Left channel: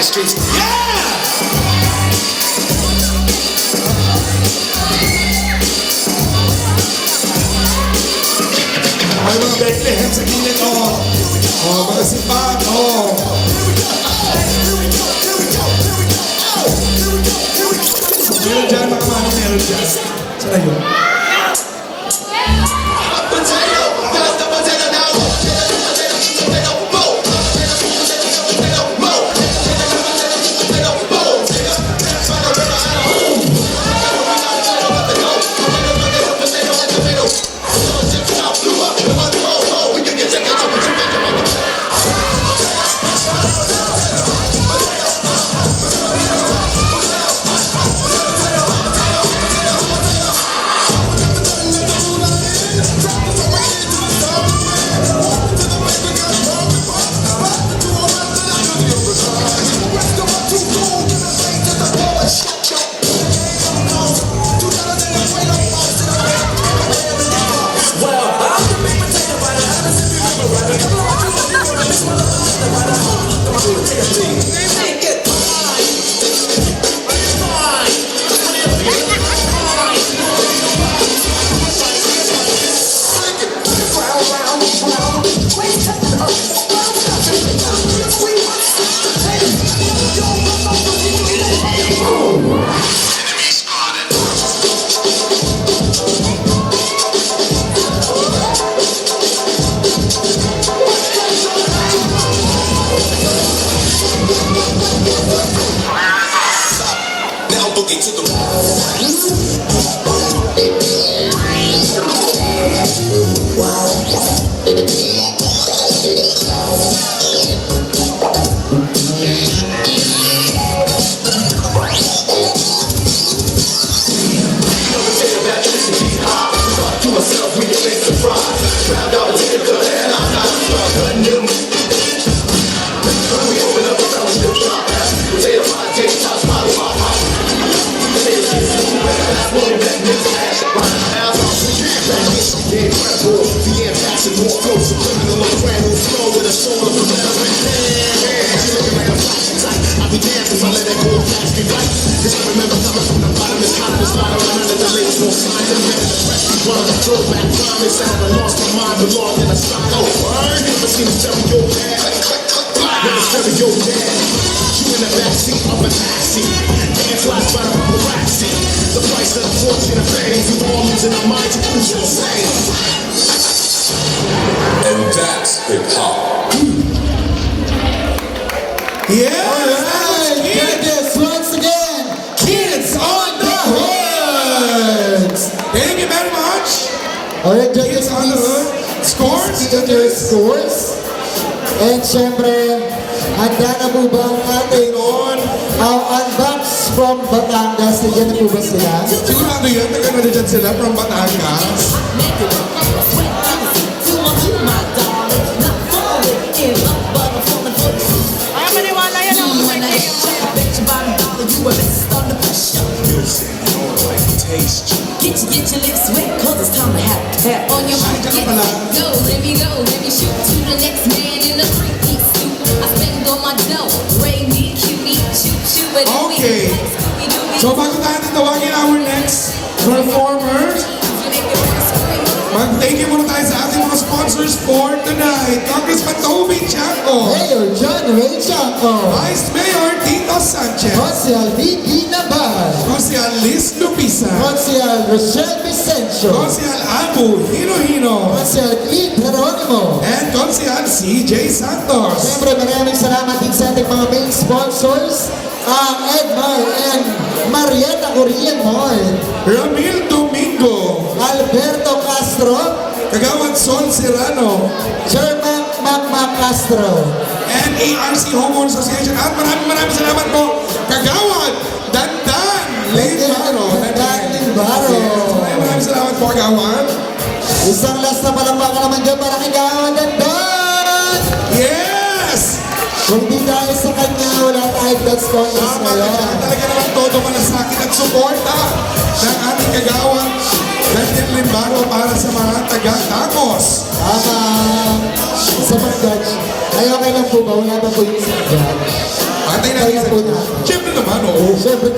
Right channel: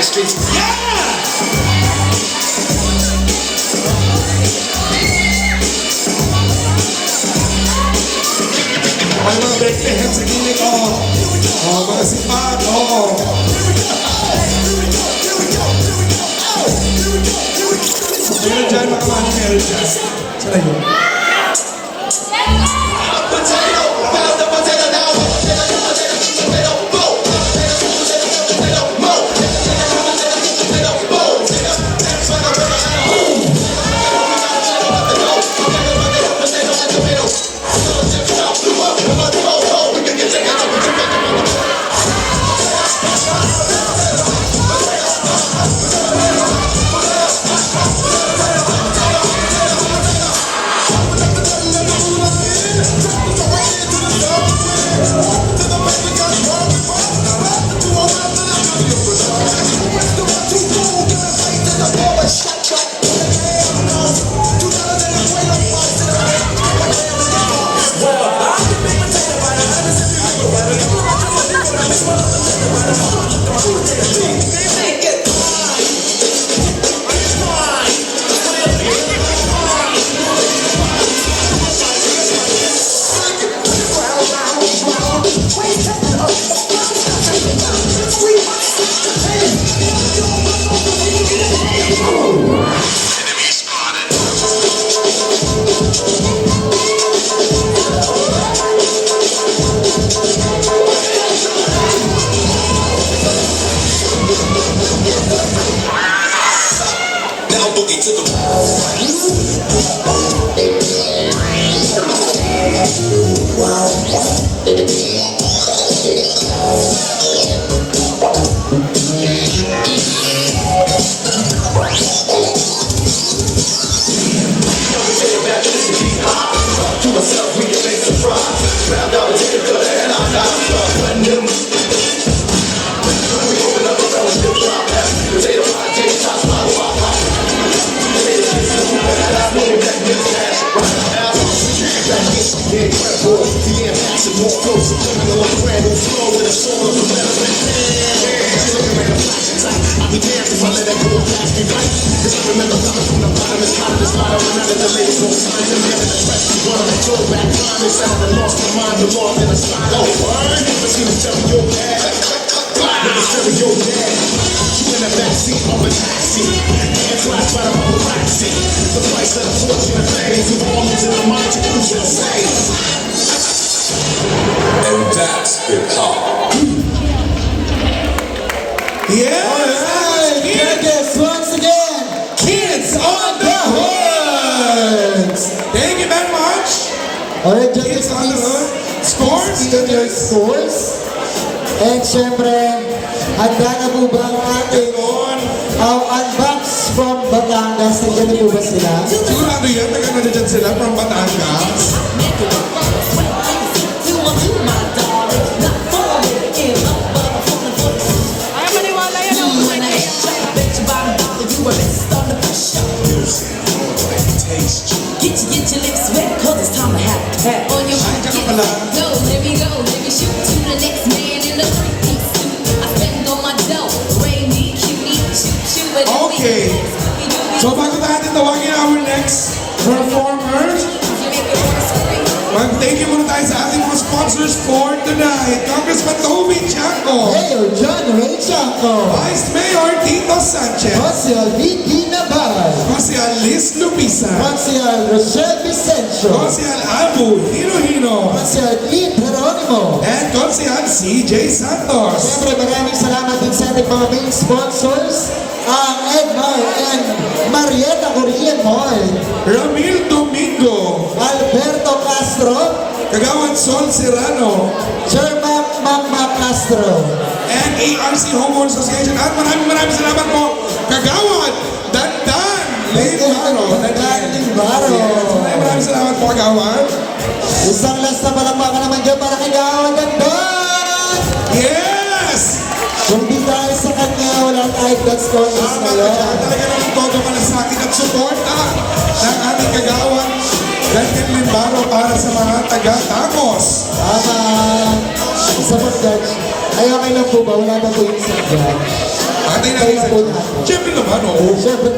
the streets. Yeah! Ano, break the hands sa gilid mo. Mga sipat, Meron dyan, nakamani meron dyan. Saan na yun? And that's hip-hop. Yeah! Alright, Judges, once again, Kids on the Horns! Thank you very much! Alright, Judges, Kids on the Horns. Scores, Judges, scores. And syempre, handa na po ba ang ating unbox from Batangas? Nandiyan na po ba sila? Sigurado yun, taga na dyan sila from Batangas. Get your lips wet, cause it's time to have tap on your Ay, kaka pala. let me shoot to the next man in a three-piece suit. I spend on my dough, Ray me, cutie, shoot, but Okay. So bago natin tawagin our next performers, mag-thank you muna tayo sa ating mga sponsors for tonight. Congressman Toby Chanco, Mayor John Ray Chanco, Vice Mayor Tito Sanchez, Consial V.D. Navarro, Consial Liz Lupisa, Consial Rochelle Vicencio, Consial Abu Hino-Hino, Consial E. Geronimo. and Consial CJ Santos. Siyempre, maraming salamat din sa ating mga main sponsors, ang Edmar and Marietta Korean Mall, Ramil Domingo, Alberto Castro, Kagawad Sol Serrano, Jermac Magma Castro, and ARC Homeowners Association. At maraming salamat po, Kagawad Dandan Limbaro. Dan Limbaro. Maraming salamat po, Kagawad. Isang last na palakpakan naman dyan para kay Gawad Dan! Yes! Kung di dahil sa kanya, wala tayo Blood Scholars Tama, ngayon. talaga naman todo malasakit at suporta ng ating Kagawad Dandan Limbaro para sa mga taga-Damos. Sa pag-judge, ay okay lang po ba? Wala ba po yung sakyan? Tatay Kaya natin. po natin. Siyempre naman, oh. Siyempre,